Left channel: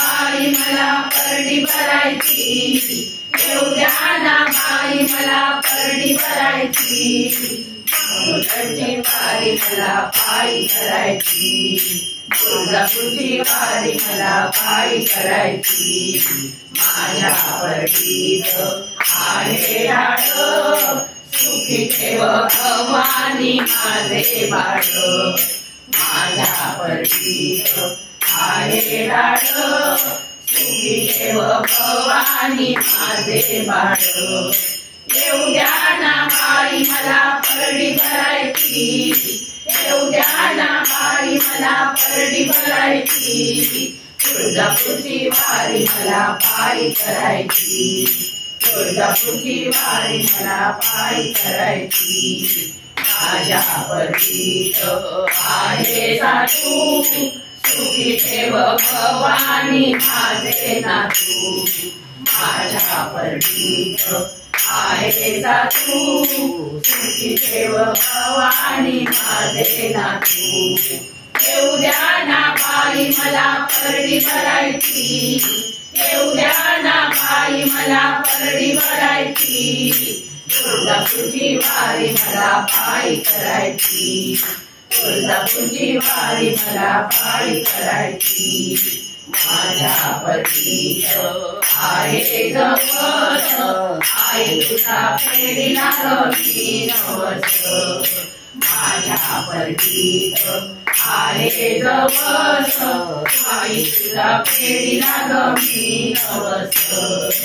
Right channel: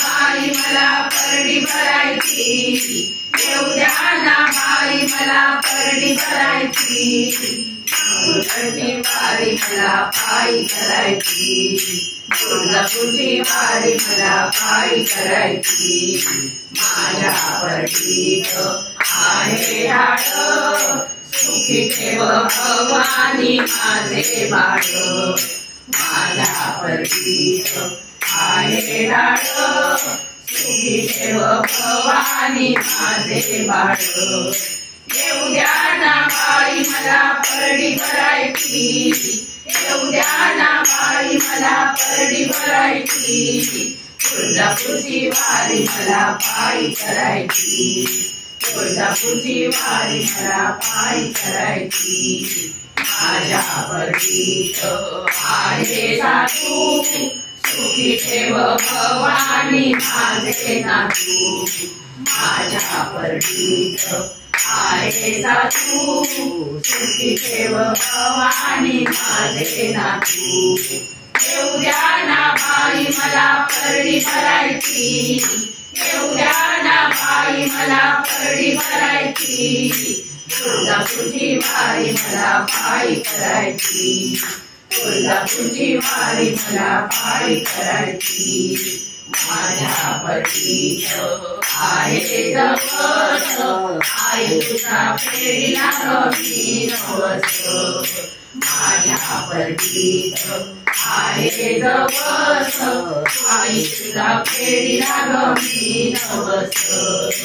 बाई मला परडी भरायची, येऊ द्या ना बाई मला परडी भरायची, माऊरची वारी मला पायी करायची, तुळजापूरची वारी मला पायी करायची, माझ्या परडीत आहे डाळ, सुखी ठेव भवानी माझे बाळ, माझ्या परडीत आहे डाळ, सुखी ठेव भवानी माझे बाळ, येऊ द्या ना बाई मला परडी भरायची, येऊ द्या ना बाई मला परडी भरायची, तुळजापूरची वारी मला पायी करायची, तुळजापूरची वारी मला पायी करायची, माझ्या परडीत आहे साधू, सुखी ठेव भवानी माझे नातू, माझ्या परडीत आहे साधू, सुखी ठेव भवानी माझे नातू, येऊ द्या ना बाई मला परडी भरायची, येऊ द्या ना बाई मला परडी भरायची, तुळजापूरची वारी मला पायी करायची, तुळजापूरची वारी मला पायी करायची, माझ्या परडीत आहे जवळ, आई तुझा फेरीला गमी नवस, माझ्या परडीत आहे जवळ, आई तुझा फेरीला गमी नवस,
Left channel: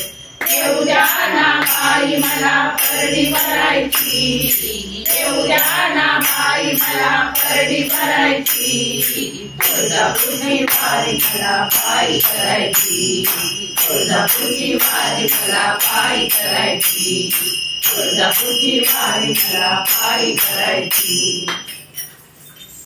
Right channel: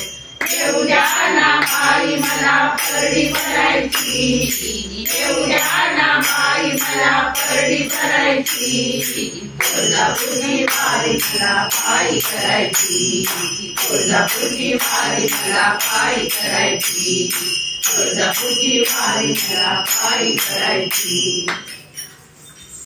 येऊ द्या ना बाई मला परडी भरायची, येऊ द्या ना बाई मला परडी भरायची, तुळजापूरची वारी मला पायी करायची, तुळजापूरची वारी मला पायी करायची, तुळजापूरची वारी मला पायी करायची.